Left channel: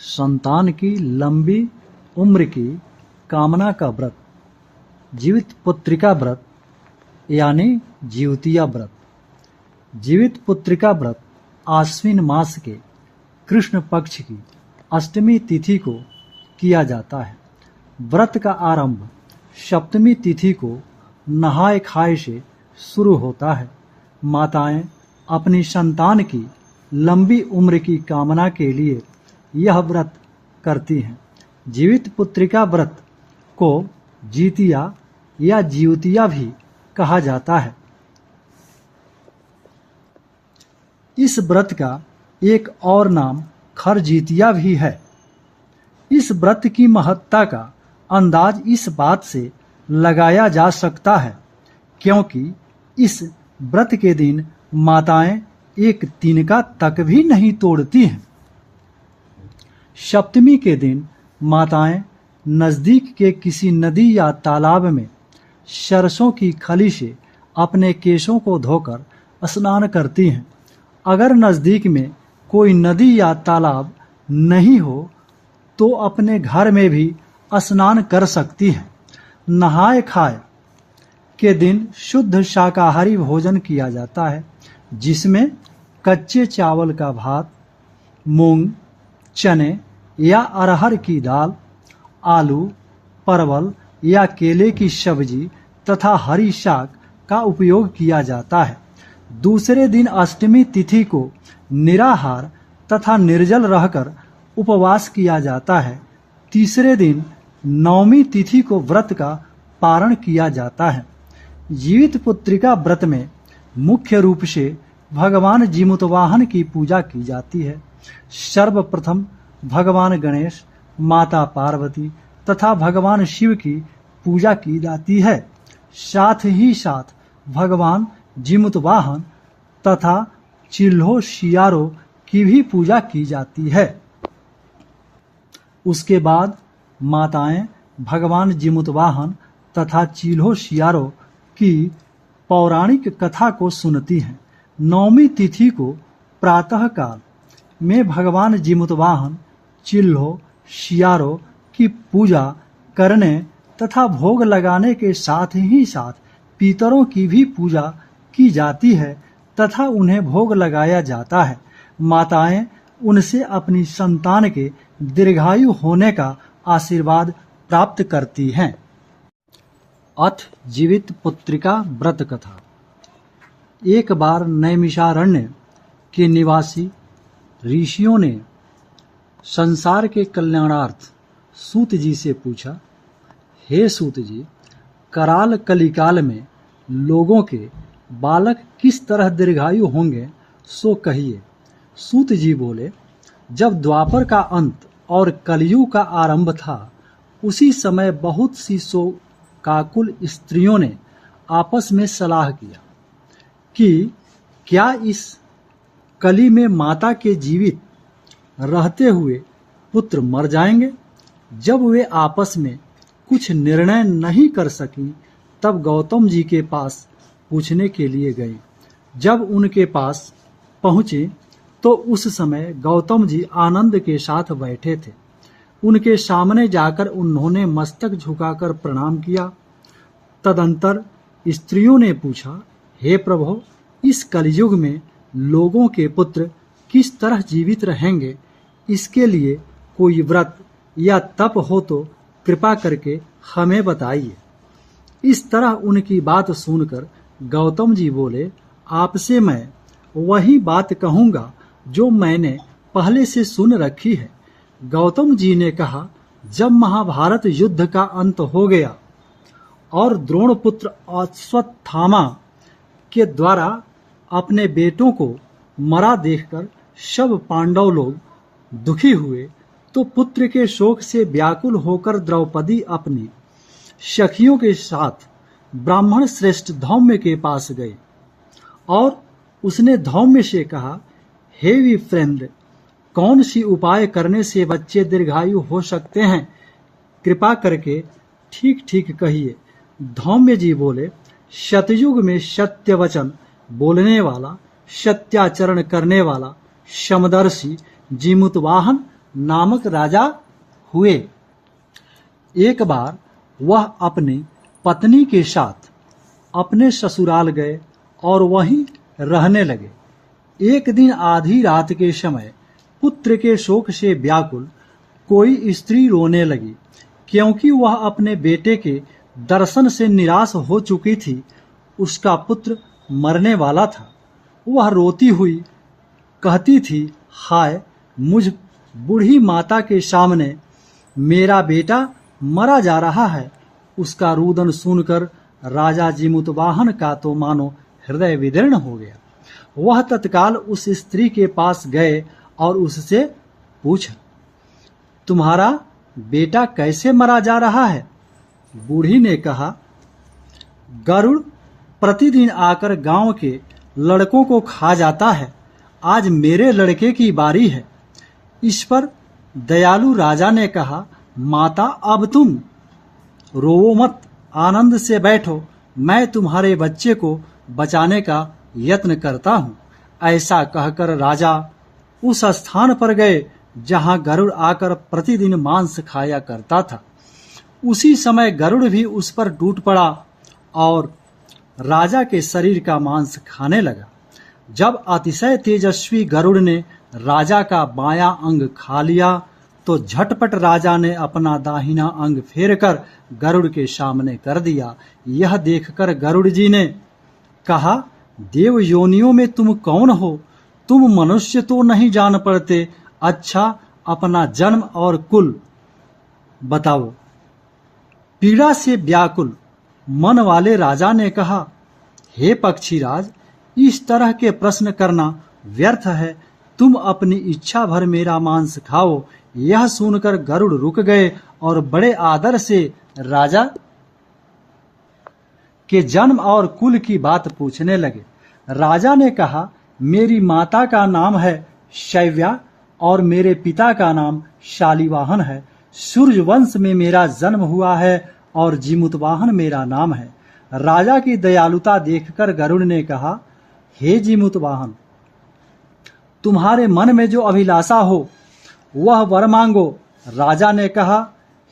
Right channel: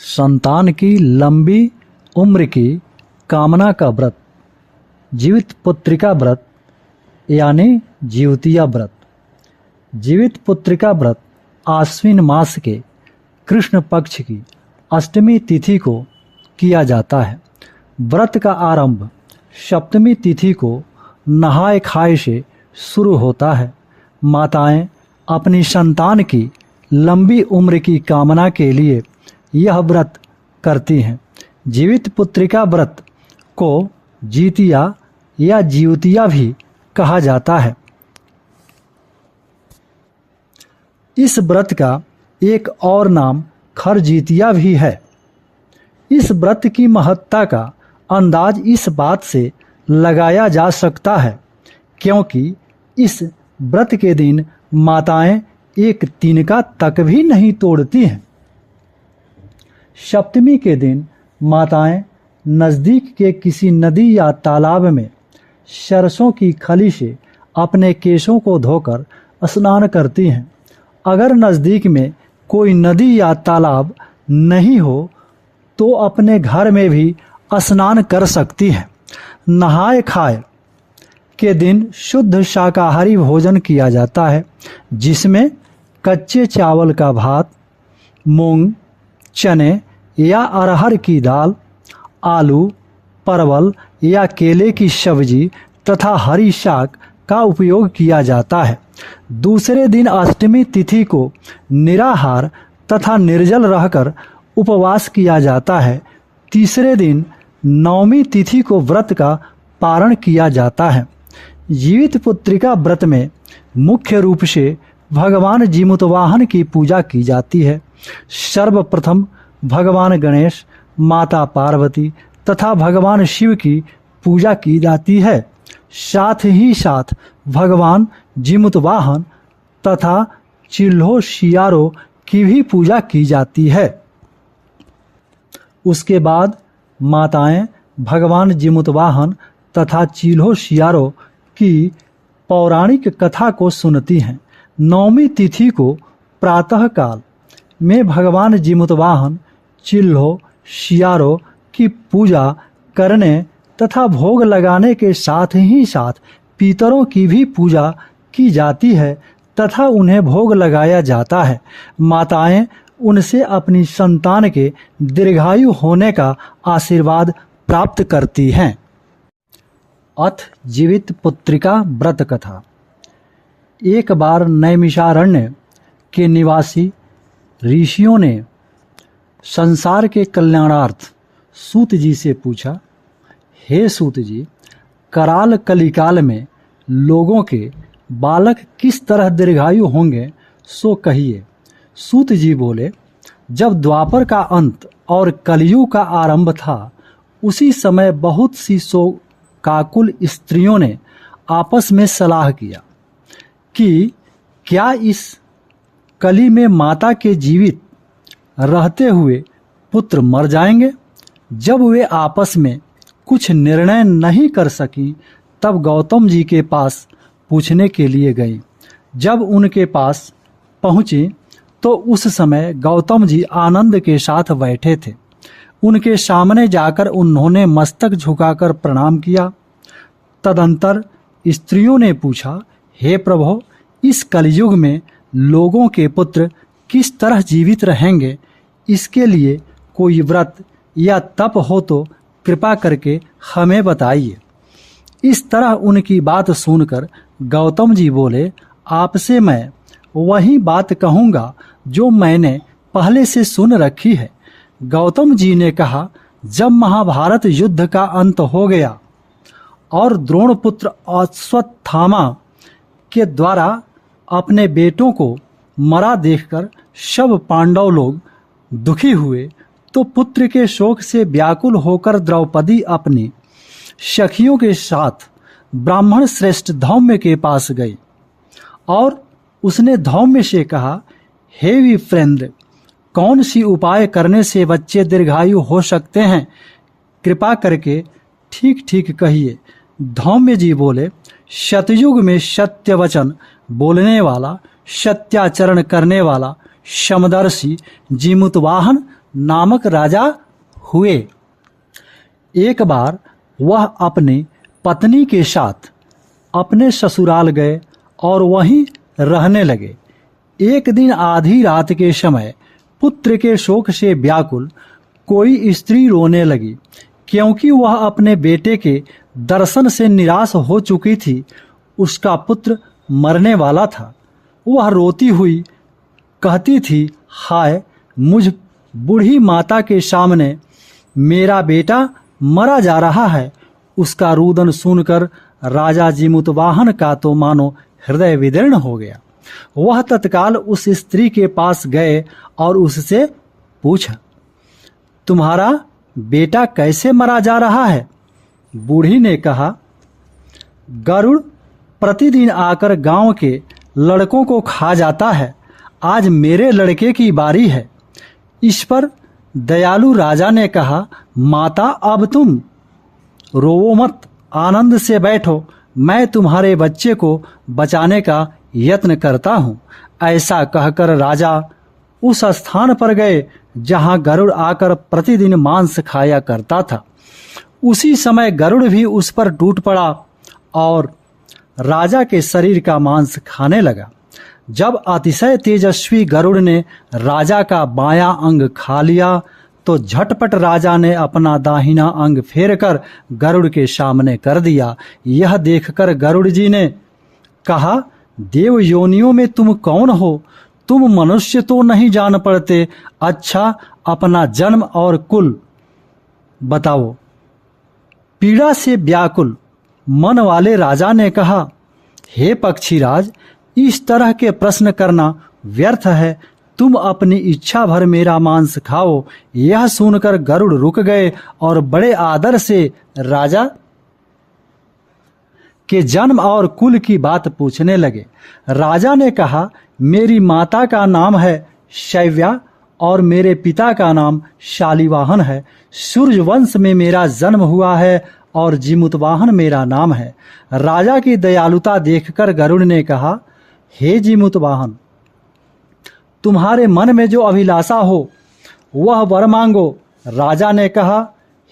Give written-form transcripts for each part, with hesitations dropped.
संतान की लंबी उम्र की कामना का व्रत, जीवित पुत्रिका व्रत यानी जीवतिया व्रत। जीवित पुत्रिका व्रत आश्विन मास के कृष्ण पक्ष की अष्टमी तिथि को किया जाता है। व्रत का आरंभ सप्तमी तिथि को नहाय खाए से शुरू होता है। माताएं अपनी संतान की लंबी उम्र की कामना के लिए यह व्रत करती हैं। जीवित पुत्रिका व्रत को जीतिया या जीवतिया भी कहा जाता है। इस व्रत का एक और नाम खरजीतिया भी है। इस व्रत की महत्ता का अंदाज इस बात से लगाया जा सकता है क्योंकि इस व्रत के दिन माताएं एक तिनका तक भी नहीं तोड़ती हैं। सप्तमी के दिन माताएं नजदीक के किसी नदी या तालाब में सरसों की खली से अपने केशों को धोकर स्नान करती हैं। अगर नजदीक में कोई नदी या तालाब नहीं हो तो अपने घर में भी स्नान कर सकती हैं। नहाए खाए के दिन शुद्ध शाकाहारी भोजन किया जाता है जिसमें कच्चे चावल का भात, मूंग, चने या अरहर की दाल, आलू, परवल या केले की सब्जी तथा हरी शाक का उपयोग किया जाता है। दूसरे दिन अष्टमी तिथि को निराहार तथा निर्जल रहकर उपवास किया जाता है। तीसरे दिन नवमी तिथि को व्रत का पारण किया जाता है। जीवित पुत्रिका व्रत में मुख्य रूप से भगवान जीमूतवाहन की पूजा की जाती है। सर्वप्रथम भगवान गणेश, माता पार्वती तथा भगवान शिव की पूजा की जाती है। साथ ही साथ भगवान जीमूतवाहन तथा चिल्हो शियारो की भी पूजा की जाती है। उसके बाद माताएं भगवान जीमूतवाहन तथा चिल्हो शियारो की पौराणिक कथा को सुनती हैं। नवमी तिथि को प्रातः काल में भगवान जीमूतवाहन, चिल्हो शियारो की पूजा करने तथा भोग लगाने के साथ ही साथ पितरों की भी पूजा की जाती है तथा उन्हें भोग लगाया जाता है। माताएं उनसे अपनी संतान के दीर्घायु होने का आशीर्वाद प्राप्त करती हैं। अथ जीवित पुत्रिका व्रत कथा। एक बार नैमिषारण्य के निवासी ऋषियों ने संसार के कल्याणार्थ सूत जी से पूछा, हे सूत जी, कराल कलिकाल में लोगों के बालक किस तरह दीर्घायु होंगे सो कहिए। सूत जी बोले, जब द्वापर का अंत और कलयुग का आरंभ था उसी समय बहुत सी शोकाकुल स्त्रियों ने आपस में सलाह किया कि क्या इस कली में माता के जीवित रहते हुए पुत्र मर जाएंगे। जब वे आपस में कुछ निर्णय नहीं कर सकी तब गौतम जी के पास पूछने के लिए गई। जब उनके पास पहुँचे तो उस समय गौतम जी आनंद के साथ बैठे थे। उनके सामने जाकर उन्होंने मस्तक झुकाकर प्रणाम किया। तदंतर स्त्रियों ने पूछा, हे प्रभु, इस कलयुग में लोगों के पुत्र किस तरह जीवित रहेंगे, इसके लिए कोई व्रत या तप हो तो कृपा करके हमें बताइए। इस तरह उनकी बात सुनकर गौतम जी बोले, आपसे मैं वही बात कहूँगा जो मैंने पहले से सुन रखी है। गौतम जी ने कहा, जब महाभारत युद्ध का अंत हो गया और द्रोणपुत्र अश्वत्थामा के द्वारा अपने बेटों को मरा देखकर सब पांडव लोग दुखी हुए तो पुत्र के शोक से व्याकुल होकर द्रौपदी अपनी सखियों के साथ ब्राह्मण श्रेष्ठ धौम्य के पास गई और उसने धौम्य से कहा, हे विप्रेंद्र, कौन सी उपाय करने से बच्चे दीर्घायु हो सकते हैं, कृपा करके ठीक ठीक कहिए। धौम्य जी बोले, सतयुग में सत्य वचन बोलने वाला, सत्याचरण करने वाला, समदर्शी जीमूतवाहन नामक राजा हुए। एक बार वह अपनी पत्नी के साथ अपने ससुराल गए और वहीं रहने लगे। एक दिन आधी रात के समय पुत्र के शोक से व्याकुल कोई स्त्री रोने लगी, क्योंकि वह अपने बेटे के दर्शन से निराश हो चुकी थी। उसका पुत्र मरने वाला था। वह रोती हुई कहती थी, हाय मुझ बूढ़ी माता के सामने मेरा बेटा मरा जा रहा है। उसका रुदन सुनकर राजा जिमुतवाहन का तो मानो हृदय विदीर्ण हो गया। वह तत्काल उस स्त्री के पास गए और उससे पूछा, तुम्हारा बेटा कैसे मरा जा रहा है? बूढ़ी ने कहा, गरुड़ प्रतिदिन आकर गांव के लड़कों को खा जाता है। आज मेरे लड़के की बारी है। इस पर दयालु राजा ने कहा, माता अब तुम रोवो मत, आनंद से बैठो। मैं तुम्हारे बच्चे को बचाने का यत्न करता हूँ। ऐसा कहकर राजा उस स्थान पर गए जहाँ गरुड़ आकर प्रतिदिन मांस खाया करता था। उसी समय गरुड़ भी उस पर टूट पड़ा और राजा के शरीर का मांस खाने लगा। जब अतिशय तेजस्वी गरुड़ ने राजा का बायां अंग खा लिया तो झटपट राजा ने अपना दाहिना अंग फेरकर गरुड़ के सामने कर दिया। यह देखकर गरुड़ जी ने कहा, देव योनियों में तुम कौन हो? तुम मनुष्य तो नहीं जान पड़ते। अच्छा, अपना जन्म और कुल बताओ। पीड़ा से व्याकुल मन वाले राजा ने कहा, हे पक्षीराज, इस तरह के प्रश्न करना व्यर्थ है। तुम अपनी इच्छा भर मेरा मांस खाओ। यह सुनकर गरुड़ रुक गए और बड़े आदर से राजा के जन्म और कुल की बात पूछने लगे। राजा ने कहा, मेरी माता का नाम है शैव्या और मेरे पिता का नाम शालिवाहन है। सूर्य वंश में मेरा जन्म हुआ है और जिमुतवाहन मेरा नाम है। राजा की दयालुता देखकर गरुड़ ने कहा, हे जिमुतवाहन, तुम्हारे मन में जो अभिलाषा हो वह वर मांगो। राजा ने कहा,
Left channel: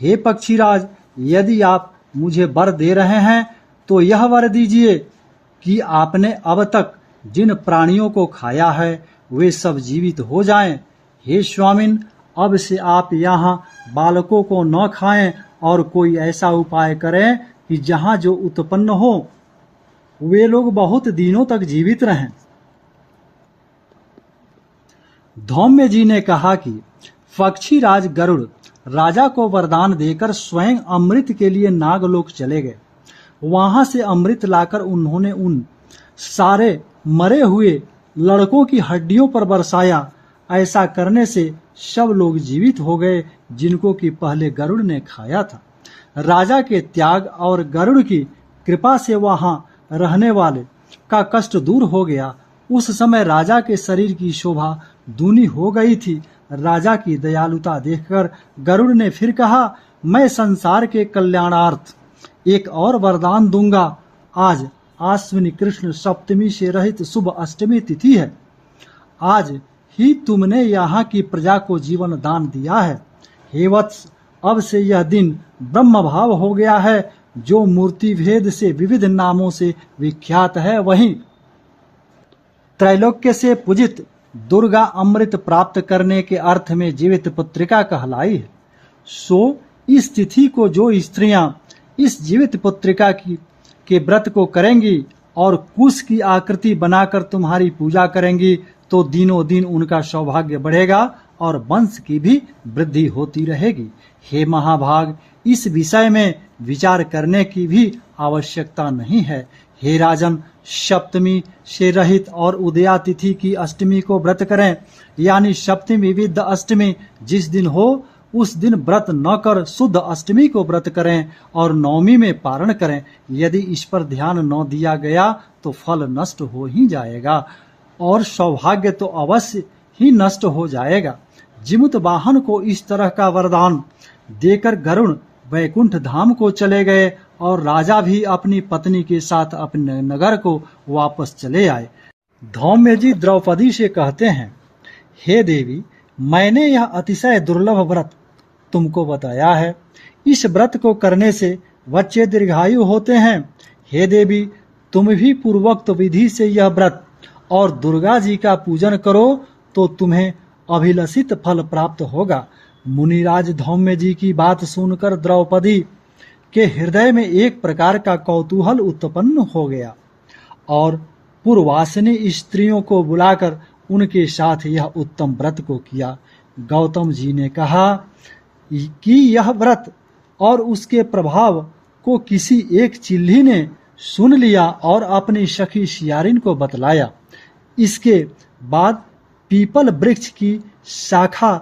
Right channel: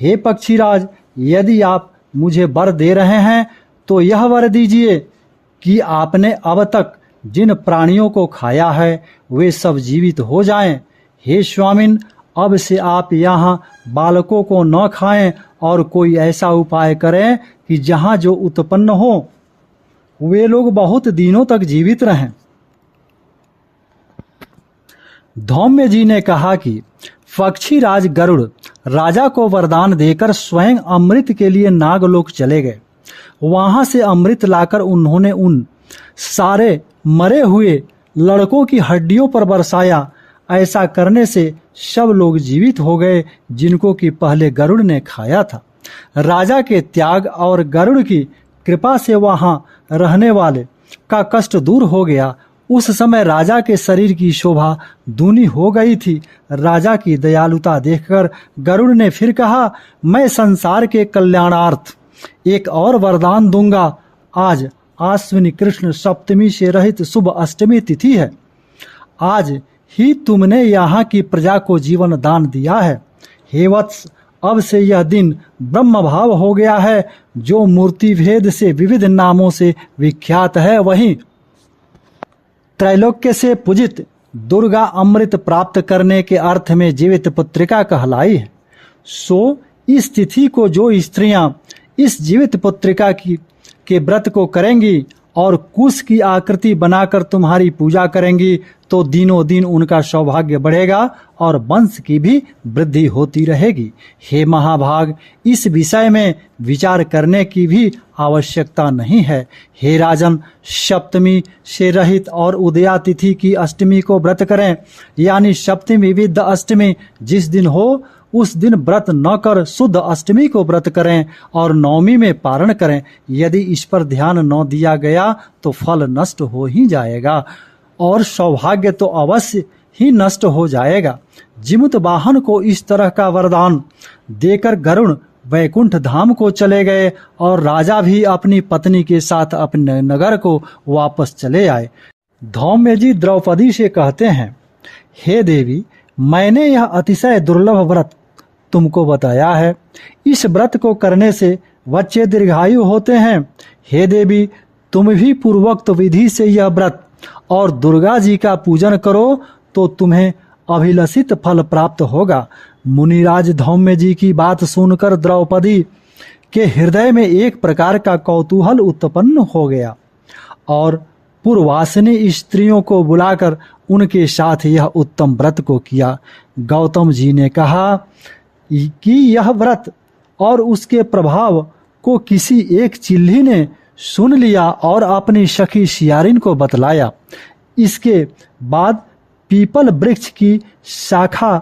हे पक्षीराज, यदि आप मुझे वर दे रहे हैं तो यह वर दीजिए कि आपने अब तक जिन प्राणियों को खाया है वे सब जीवित हो जाएं। हे स्वामिन, अब से आप यहाँ बालकों को न खाएं और कोई ऐसा उपाय करें कि जहाँ जो उत्पन्न हो वे लोग बहुत दिनों तक जीवित रहें। धौम्य जी ने कहा कि पक्षीराज गरुड़ राजा को वरदान देकर स्वयं अमृत के लिए नागलोक चले गए। वहां से अमृत लाकर उन्होंने उन सारे मरे हुए लड़कों की हड्डियों पर बरसाया। ऐसा करने से सब लोग जीवित हो गए जिनको कि पहले गरुड़ ने खाया था। राजा के त्याग और गरुड़ की कृपा से वहां रहने वाले का कष्ट दूर हो गया। उस समय राजा के शरीर की शोभा दूनी हो गई थी। राजा की दयालुता देखकर गरुड़ ने फिर कहा, मैं संसार के कल्याणार्थ एक और वरदान दूंगा। आज आश्विनी कृष्ण सप्तमी से रहित शुभ अष्टमी तिथि है। आज ही तुमने यहाँ की प्रजा को जीवन दान दिया है। हे वत्स, अब से यह दिन ब्रह्म भाव हो गया है, जो मूर्ति भेद से विविध नामों से विख्यात है। वहीं त्रैलोक्य से पूजित दुर्गा अमृत प्राप्त करने के अर्थ में जीवित पुत्रिका कहलाई है। सो इस तिथि को जो स्त्रियां इस जीवित पुत्रिका के व्रत को करेंगी और कुश की आकृति बनाकर तुम्हारी पूजा करेंगी तो दिनों दिन उनका सौभाग्य बढ़ेगा और वंश की भी वृद्धि होती रहेगी। हे महाभाग, इस विषय में विचार करने की भी आवश्यकता नहीं है। हे राजन, सप्तमी से रहित और उदया तिथि की अष्टमी को व्रत करें, यानी सप्तमी विद्ध अष्टमी जिस दिन हो उस दिन व्रत न कर शुद्ध अष्टमी को व्रत करें और नवमी में पारण करें। यदि इस पर ध्यान न दिया गया तो फल नष्ट हो ही जाएगा और सौभाग्य तो अवश्य ही नष्ट हो जाएगा। जिमुतवाहन को इस तरह का वरदान देकर गरुड़ वैकुंठ धाम को चले गए और राजा भी अपनी पत्नी के साथ अपने नगर को वापस चले आए। धौम्य जी द्रौपदी से कहते हैं, हे देवी, मैंने यह अतिशय दुर्लभ व्रत तुमको बताया है। इस व्रत को करने से बच्चे दीर्घायु होते हैं। हे देवी, तुम भी पूर्वोक्त विधि से यह व्रत और दुर्गा जी का पूजन करो तो तुम्हें अभिलषित फल प्राप्त होगा। मुनिराज धौम्य जी की बात सुनकर द्रौपदी के हृदय में एक प्रकार का कौतूहल उत्पन्न हो गया और पूर्वासिनी स्त्रियों को बुलाकर उनके साथ यह उत्तम व्रत को किया। गौतम जी ने कहा कि यह व्रत और उसके प्रभाव को किसी एक चिल्ली ने सुन लिया और अपनी सखी सियारिन को बतलाया। इसके बाद पीपल वृक्ष की शाखा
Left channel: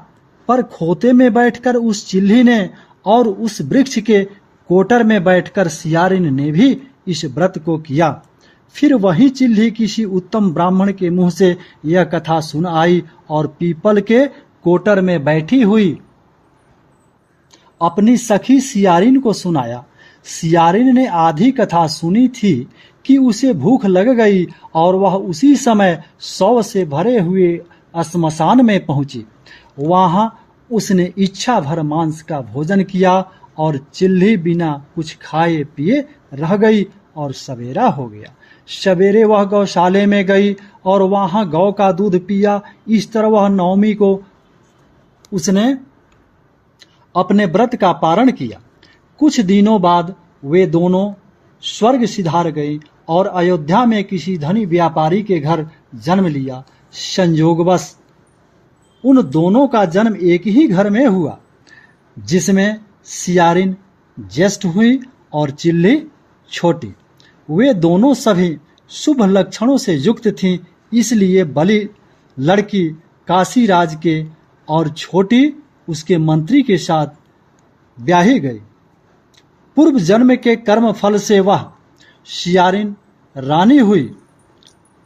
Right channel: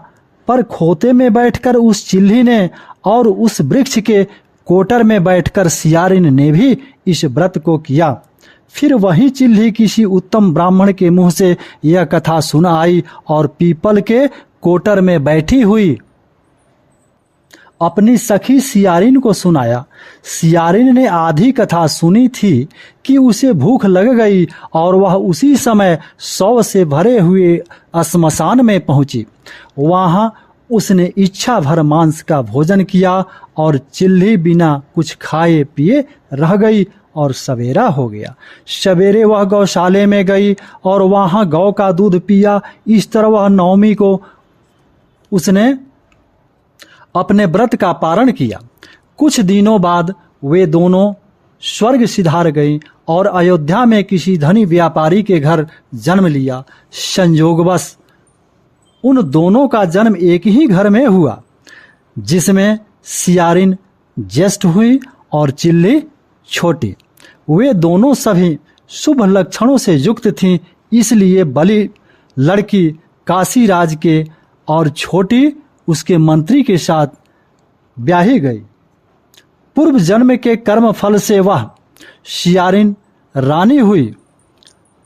पर खोते में बैठकर उस चिल्ली ने और उस वृक्ष के कोटर में बैठकर सियारिन ने भी इस व्रत को किया। फिर वही चिल्ली किसी उत्तम ब्राह्मण के मुंह से यह कथा सुन आई और पीपल के कोटर में बैठी हुई अपनी सखी सियारिन को सुनाया। सियारिन ने आधी कथा सुनी थी कि उसे भूख लग गई और वह उसी समय शव से भरे हुए श्मशान में पहुंची। वहां उसने इच्छा भर मांस का भोजन किया और चिल्ली बिना कुछ खाए पिए रह गई और सवेरा हो गया। सवेरे वह गौशाले में गई और वहां गौ का दूध पिया। इस तरह वह नवमी को उसने अपने व्रत का पारण किया। कुछ दिनों बाद वे दोनों स्वर्ग सिधार गई और अयोध्या में किसी धनी व्यापारी के घर जन्म लिया। संयोगवश उन दोनों का जन्म एक ही घर में हुआ, जिसमें सियारिन ज्येष्ठ हुई और चिल्ली छोटी। वे दोनों सभी शुभ लक्षणों से युक्त थीं, इसलिए बली लड़की काशीराज के और छोटी उसके मंत्री के साथ ब्याही गई। पूर्व जन्म के कर्म फल से वह सियारिन रानी हुई।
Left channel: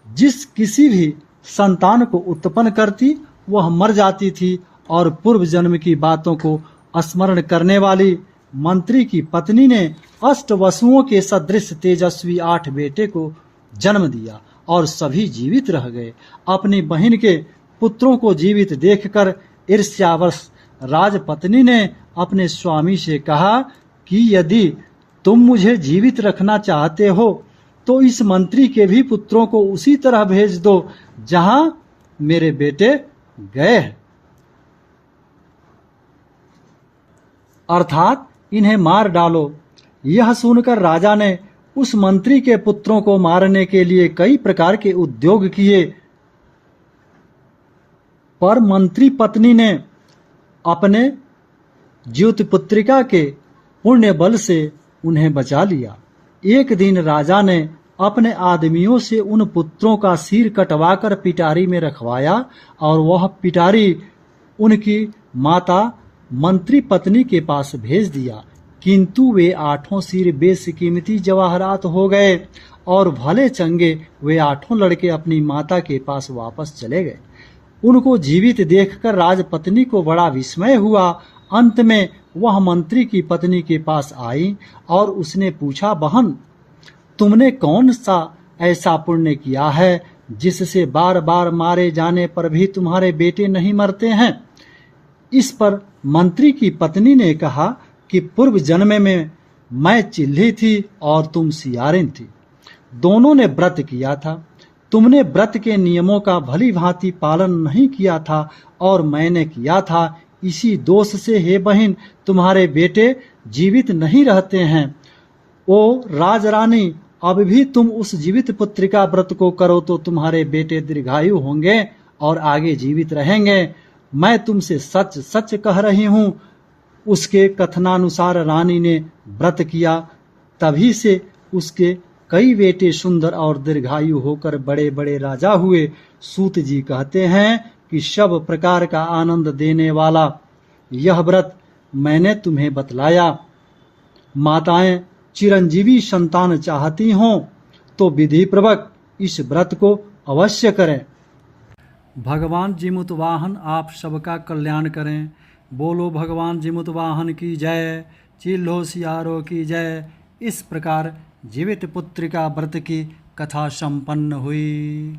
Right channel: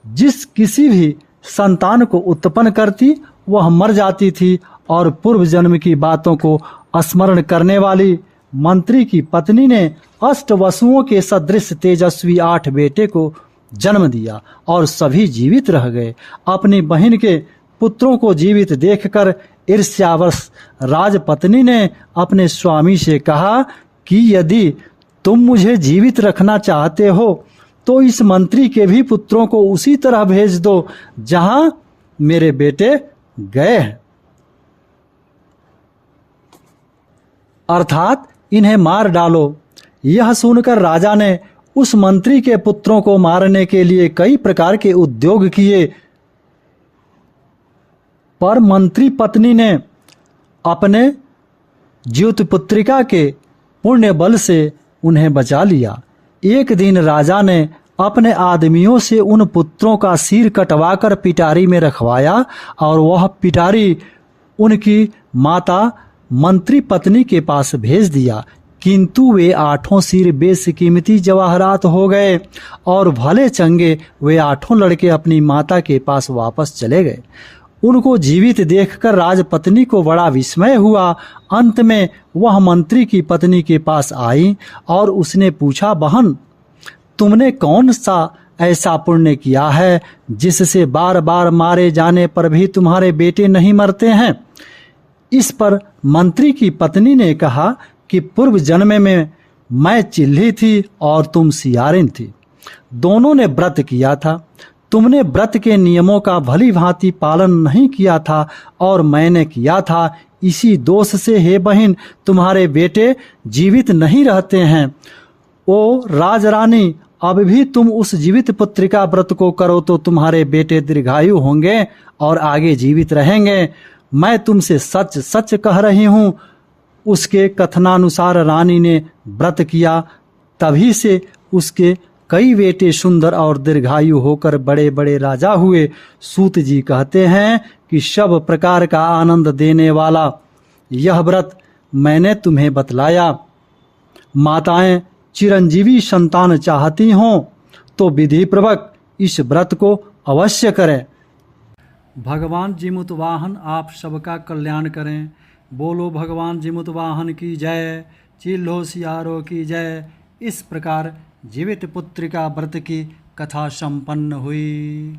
जिस किसी भी संतान को उत्पन्न करती वह मर जाती थी और पूर्व जन्म की बातों को स्मरण करने वाली मंत्री की पत्नी ने अष्टवसुओं के सदृश तेजस्वी 8 बेटे को जन्म दिया और सभी जीवित रह गए। अपनी बहन के पुत्रों को जीवित देखकर ईर्ष्यावश राजपत्नी ने अपने स्वामी से कहा कि यदि तुम मुझे जीवित रखना चाहते हो तो इस मंत्री के भी पुत्रों को उसी तरह भेज दो जहां मेरे बेटे गए हैं, अर्थात इन्हें मार डालो। यह सुनकर राजा ने उस मंत्री के पुत्रों को मारने के लिए कई प्रकार के उद्योग किए, पर मंत्री पत्नी ने अपने ज्योतिपुत्रिका के पुण्य बल से उन्हें बचा लिया। एक दिन राजा ने अपने आदमियों से उन पुत्रों का सिर कटवाकर पिटारी में रखवाया और वह पिटारी उनकी माता मंत्री पत्नी के पास भेज दिया, किंतु वे 8 सिर बेशकीमती जवाहरात हो गए और भले चंगे वे 8 लड़के अपनी माता के पास वापस चले गए। उनको जीवित देखकर राजपत्नी को बड़ा विस्मय हुआ। अंत में वह मंत्री की पत्नी के पास आई और उसने पूछा, बहन, तुमने कौन सा ऐसा पुण्य किया है जिससे बार बार मारे जाने पर भी तुम्हारे बेटे नहीं मरते हैं? इस पर मंत्री की पत्नी ने कहा कि पूर्व जन्म में मैं चिल्ली थी और तुम सियारिन थी। दोनों ने व्रत किया था। तुमने व्रत के नियमों का भली भांति पालन नहीं किया था और मैंने किया था। इसी दोष से हे बहन तुम्हारे बेटे जीवित नहीं रहते हैं। ओ राजरानी, अब भी तुम उस जीवित पुत्रिका व्रत को करो तो तुम्हारे बेटे दीर्घायु होंगे और आगे जीवित रहेंगे। मैं तुमसे सच सच कह रही हूँ। उसके कथनानुसार रानी ने व्रत किया, तभी से उसके कई बेटे सुंदर और दीर्घायु होकर बड़े बड़े राजा हुए। सूत जी कहते हैं कि सब प्रकार का आनंद देने वाला यह व्रत मैंने तुम्हें बतलाया। माताएं चिरंजीवी संतान चाहती हों तो विधि पूर्वक इस व्रत को अवश्य करें। भगवान जीमुतवाहन आप सबका कल्याण करें। बोलो भगवान जीमुतवाहन की जय, चिल्हो सियारो की जय। इस प्रकार जीवित पुत्रिका व्रत की कथा संपन्न हुई।